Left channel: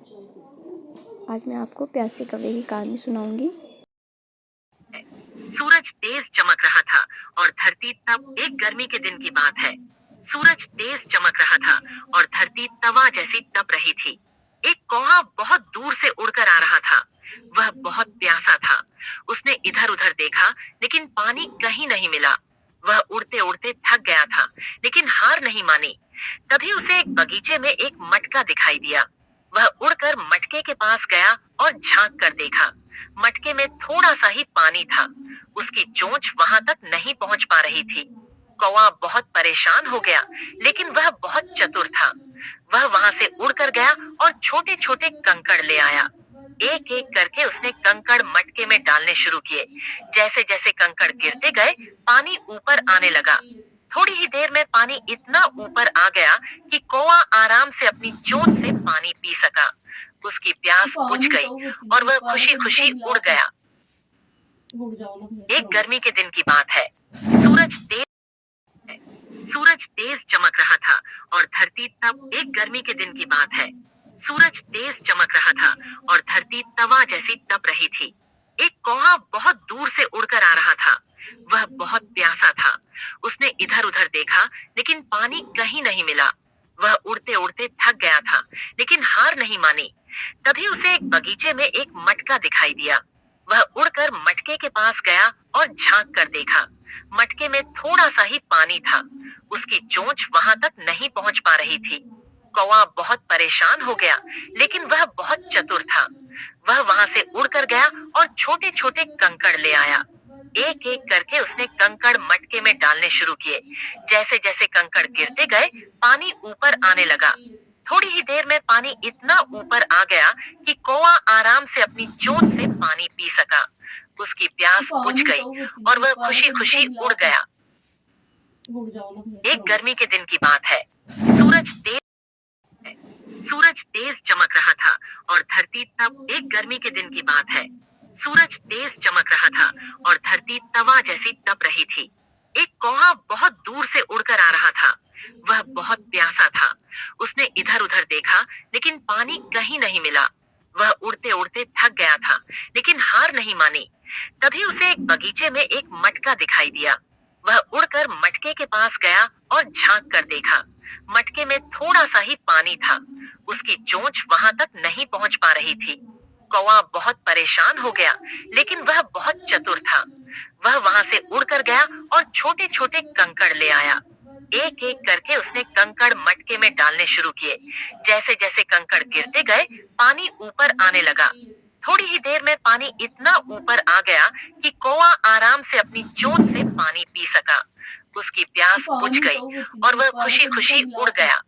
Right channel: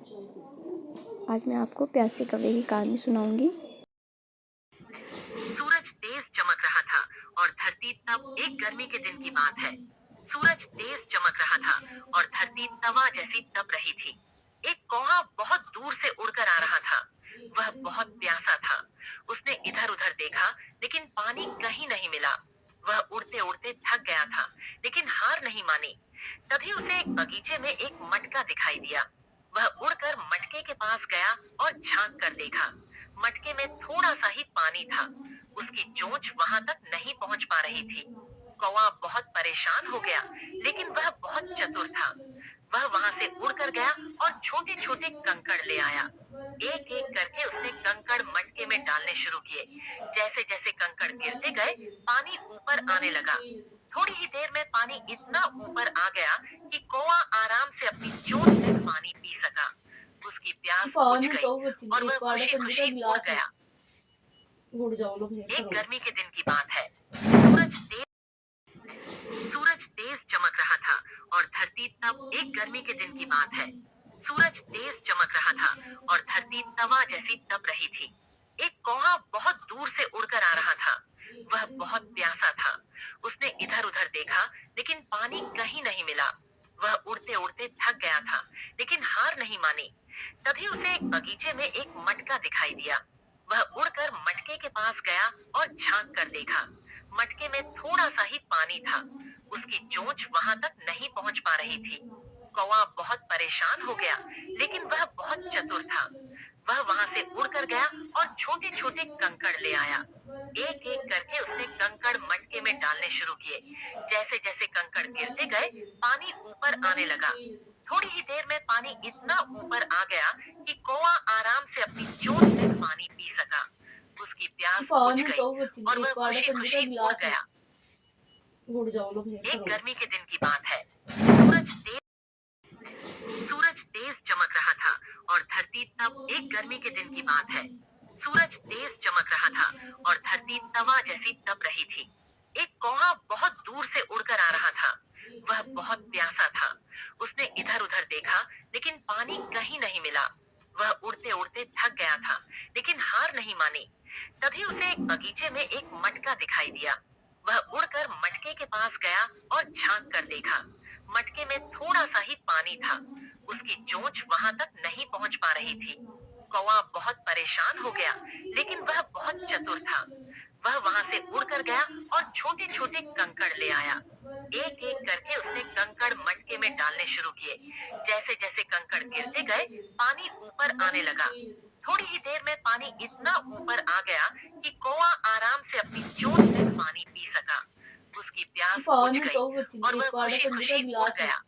आज मैं आपको प्यासे कौवे की कहानी सुनाऊंगी। सूरज तेज चमक रहा था और धरती तब एक गर्मी के दिन की बात है। सूरज तेज चमक रहा था और धरती तवा जैसी तप रही थी। एक कौवा बहुत दूर से उड़कर आ रहा था। वह बहुत प्यासा था। उसने इधर उधर देखा, लेकिन पानी कहीं नहीं मिला। वह उड़ते उड़ते थक गया था, लेकिन हार नहीं मानी। तभी उसे एक बगीचे में एक मटका दिखाई दिया। वह उड़कर मटके के पास गया और झांक कर देखा। मटके में थोड़ा सा ही पानी था। उसकी चोंच वहां तक नहीं पहुंच पा रही थी। कौवा बहुत परेशान हो गया, लेकिन वह बहुत चतुर था। वह वहां से उड़कर गया और छोटे छोटे कंकड़ ले आया। एक एक करके उसने कंकड़ मटके में डालने शुरू किए। जैसे जैसे कंकड़ गिरते गए, पानी ऊपर आने लगा। थोड़ी ही देर में पानी इतना ऊपर आ गया कि कौवा आराम से अपनी चोंच से पानी पी सका। उसकी प्यास बुझ पानी गई तो वो और वह एक वाला खुशी कंडीशन खुशी उड़ गिलास है। गया। गुड़ जाओ लोग ये एक करो। गर्मी के दिन की बात है। सूरज तेज चमक रहा था और धरती तब एक गर्मी के दिन की बात है। सूरज तेज चमक रहा था और धरती तवा जैसी तप रही थी। एक कौवा बहुत दूर से उड़कर आ रहा था। वह बहुत प्यासा था। उसने इधर उधर देखा, लेकिन पानी कहीं नहीं मिला। वह उड़ते उड़ते थक गया था, लेकिन हार नहीं मानी। तभी उसे एक बगीचे में एक मटका दिखाई दिया। वह उड़कर मटके के पास गया और झांक कर देखा। मटके में थोड़ा सा ही पानी था। उसकी चोंच वहां तक नहीं पहुंच पा रही थी। कौवा बहुत परेशान हो गया, लेकिन वह बहुत चतुर था। वह वहां से उड़कर गया और छोटे छोटे कंकड़ ले आया। एक एक करके उसने कंकड़ मटके में डालने शुरू किए। जैसे जैसे कंकड़ गिरते गए, पानी ऊपर आने लगा। थोड़ी ही देर में पानी इतना ऊपर आ गया कि कौवा आराम से अपनी चोंच से पानी पी सका। उसकी प्यास बुझ पानी गई तो वो और वह एक वाला खुशी खुशी कंडीशन उड़ गिलास है। गया। गुड़ जाओ लोग ये एक करो। गर्मी के दिन की बात है। सूरज तेज सूरज तेज चमक रहा था और धरती तब एक गर्मी के दिन की बात है। सूरज तेज चमक रहा था और धरती तवा जैसी तप रही थी। एक कौवा बहुत दूर से उड़कर आ रहा था। वह बहुत प्यासा था। उसने इधर उधर देखा, लेकिन पानी कहीं नहीं मिला। वह उड़ते उड़ते थक गया था, लेकिन हार नहीं मानी। तभी उसे एक बगीचे में एक मटका दिखाई दिया। वह उड़कर मटके के पास गया और झांक कर देखा। मटके में थोड़ा सा ही पानी था। उसकी चोंच वहां तक नहीं पहुंच पा रही थी। कौवा बहुत परेशान हो गया, लेकिन वह बहुत चतुर था। वह वहां से उड़कर गया और छोटे छोटे कंकड़ ले आया। एक एक करके उसने कंकड़ मटके में डालने शुरू किए। जैसे जैसे कंकड़ गिरते गए, पानी ऊपर आने लगा। थोड़ी ही देर में पानी इतना ऊपर आ गया कि कौवा आराम से अपनी चोंच से पानी पी सका। उसकी प्यास बुझ पानी गई तो वो और एक वह वाला खुशी खुशी कंडीशन उड़ गिलास है। गया।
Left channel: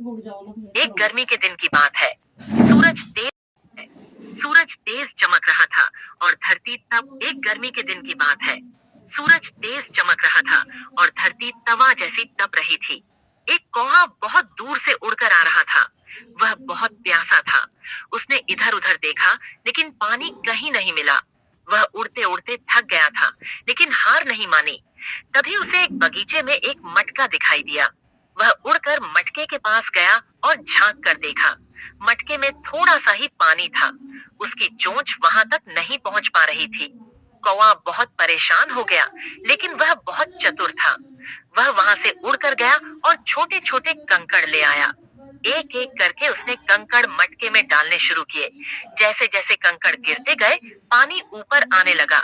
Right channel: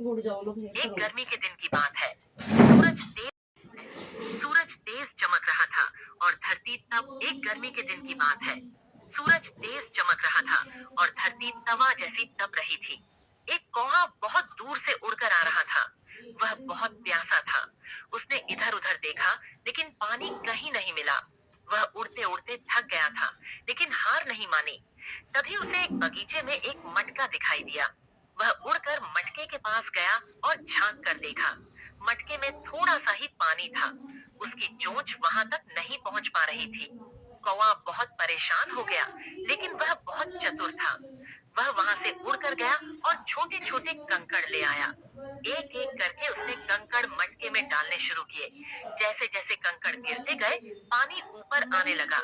गुड़ जाओ लोग ये एक करो। गर्मी के दिन की बात है। सूरज तेज सूरज तेज चमक रहा था और धरती तब एक गर्मी के दिन की बात है। सूरज तेज चमक रहा था और धरती तवा जैसी तप रही थी। एक कौवा बहुत दूर से उड़कर आ रहा था। वह बहुत प्यासा था। उसने इधर उधर देखा, लेकिन पानी कहीं नहीं मिला। वह उड़ते उड़ते थक गया था, लेकिन हार नहीं मानी। तभी उसे एक बगीचे में एक मटका दिखाई दिया। वह उड़कर मटके के पास गया और झांक कर देखा। मटके में थोड़ा सा ही पानी था। उसकी चोंच वहां तक नहीं पहुंच पा रही थी। कौवा बहुत परेशान हो गया, लेकिन वह बहुत चतुर था। वह वहां से उड़कर गया और छोटे छोटे कंकड़ ले आया। एक एक करके उसने कंकड़ मटके में डालने शुरू किए। जैसे जैसे कंकड़ गिरते गए, पानी ऊपर आने लगा।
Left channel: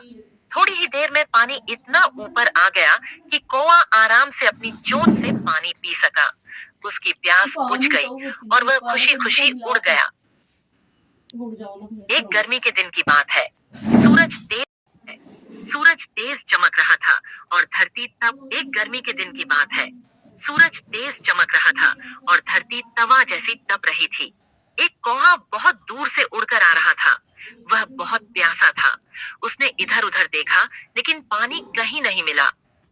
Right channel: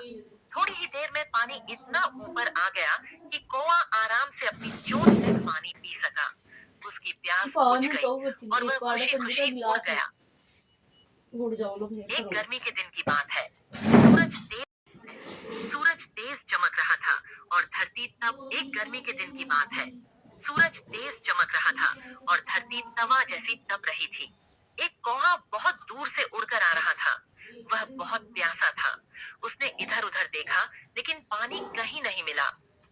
थोड़ी ही देर में पानी इतना ऊपर आ गया कि कौवा आराम से अपनी चोंच से पानी पी सका। उसकी प्यास बुझ पानी गई तो वो और एक वह वाला खुशी खुशी कंडीशन उड़ गिलास है। गया। गुड़ जाओ लोग ये एक करो। गर्मी के दिन की बात है। सूरज तेज सूरज तेज चमक रहा था और धरती तब एक गर्मी के दिन की बात है। सूरज तेज चमक रहा था और धरती तवा जैसी तप रही थी। एक कौवा बहुत दूर से उड़कर आ रहा था। वह बहुत प्यासा था। उसने इधर उधर देखा, लेकिन पानी कहीं नहीं मिला।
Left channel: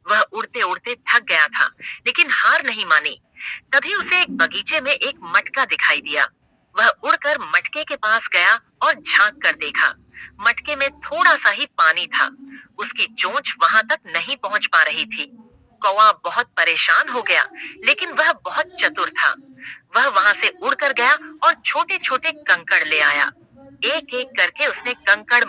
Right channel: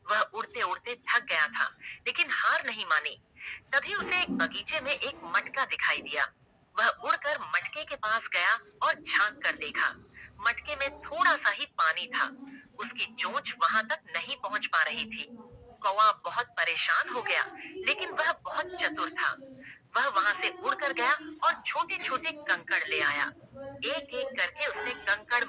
वह उड़ते उड़ते थक गया था, लेकिन हार नहीं मानी। तभी उसे एक बगीचे में एक मटका दिखाई दिया। वह उड़कर मटके के पास गया और झांक कर देखा। मटके में थोड़ा सा ही पानी था। उसकी चोंच वहां तक नहीं पहुंच पा रही थी। कौवा बहुत परेशान हो गया, लेकिन वह बहुत चतुर था। वह वहां से उड़कर गया और छोटे छोटे कंकड़ ले आया। एक एक करके उसने कंकड़